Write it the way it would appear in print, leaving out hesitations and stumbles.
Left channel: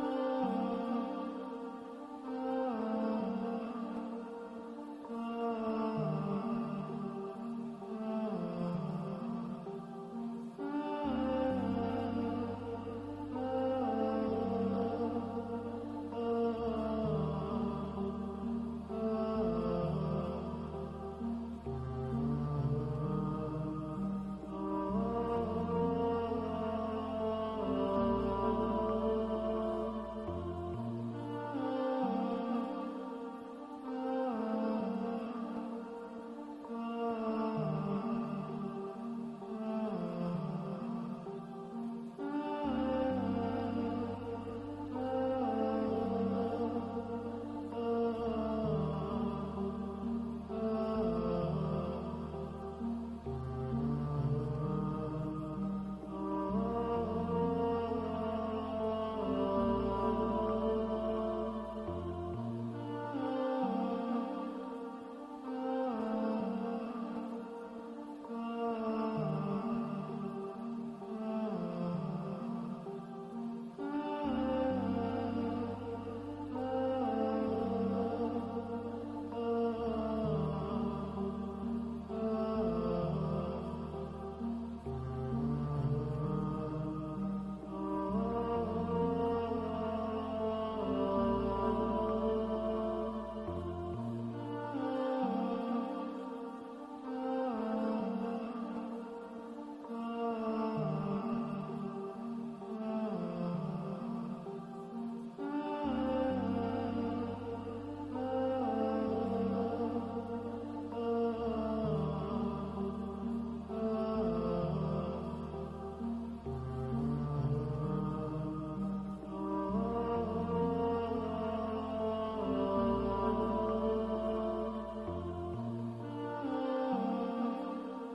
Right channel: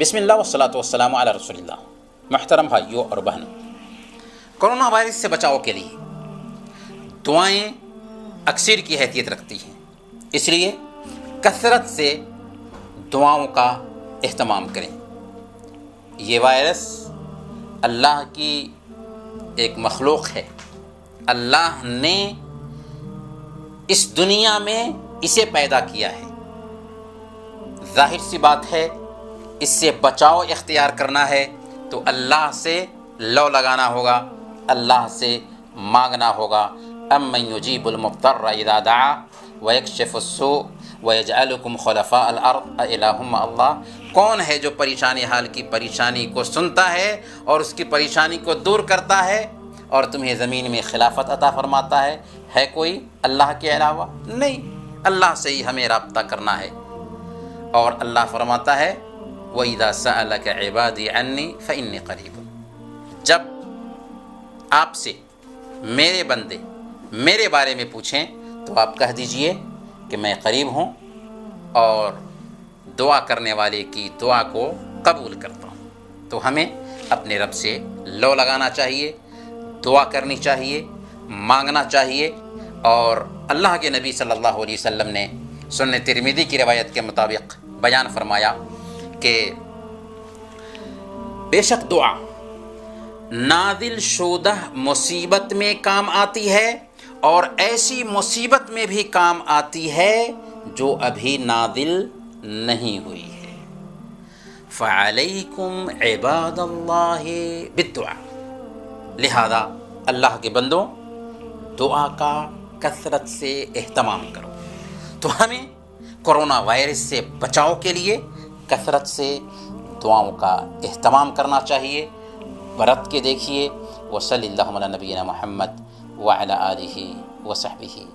بسم اللہ والصلاۃ والسلام علی رسول اللہ۔ محترم بھائیوں اور بہنوں، کرونا وائرس سے بچاؤ کے لیے دعائیں اکثر کی حیثیت رکھتی ہیں، اس لیے کثرت سے دعاؤں کا اہتمام کریں۔ یہ وائرس اللہ کی ایک مخلوق ہے، اللہ نے اس دنیا میں اسے پیدا کیا ہے۔ ظاہر سی بات ہے، اس سے بچاؤ اختیار کرنا ہے تو اللہ سے لو لگانا ہوگا، اللہ سے مانگنا ہوگا۔ امن یجیب المضطر اذا دعا ویکشف السوء ویجعلکم خلفاء الارض االہ مع اللہ۔ کون ہے جو پریشانی حال کی پریشانی کو سنتا ہے اور اس کی پریشانی کو دور کرتا ہے اور تمہیں زمین میں خلافت عطا فرماتا ہے؟ ہے کوئی اللہ کے علاوہ؟ نہیں، اللہ سے ہی ہمیں رابطہ کرنا ہے۔ اور اللہ فرماتا ہے وَإِذَا سَأَلَكَ عِبَادِي عَنِّي فَإِنِّي قَرِيبٌ۔ جب آپ سے میرے بندے میرے بارے میں پوچھیں تو آپ کہہ دیجئے کہ میں قریب ہوں اور دعا کرنے والے کی دعا کو قبول کرتا ہوں۔ تو ہمیں اپنے رب سے لو لگانا چاہیے، دعا کرنی چاہیے، مانگنا چاہیے۔ اور اللہ کے نبی صلی اللہ علیہ وسلم نے سنن ترمذی کی روایت کے مطابق بیان فرمایا کہ بے شک دعا نازل شدہ مصیبت میں کام آتی ہے اور ایسی مصیبت میں بھی کام آتی ہے جو ابھی نازل نہیں ہوئی ہے۔ فعلیکم عباد اللہ بالدعاء۔ لہذا اللہ کے بندوں، دعا کا کثرت سے اہتمام کرو۔ تو ہمیں کرونا وائرس سے بچاؤ کے لیے کثرت سے دعاؤں کا اہتمام کرنا چاہیے۔ برت کے دیکھیے۔ وصلی اللہ علی نبینا محمد وعلی آلہ وصحبہ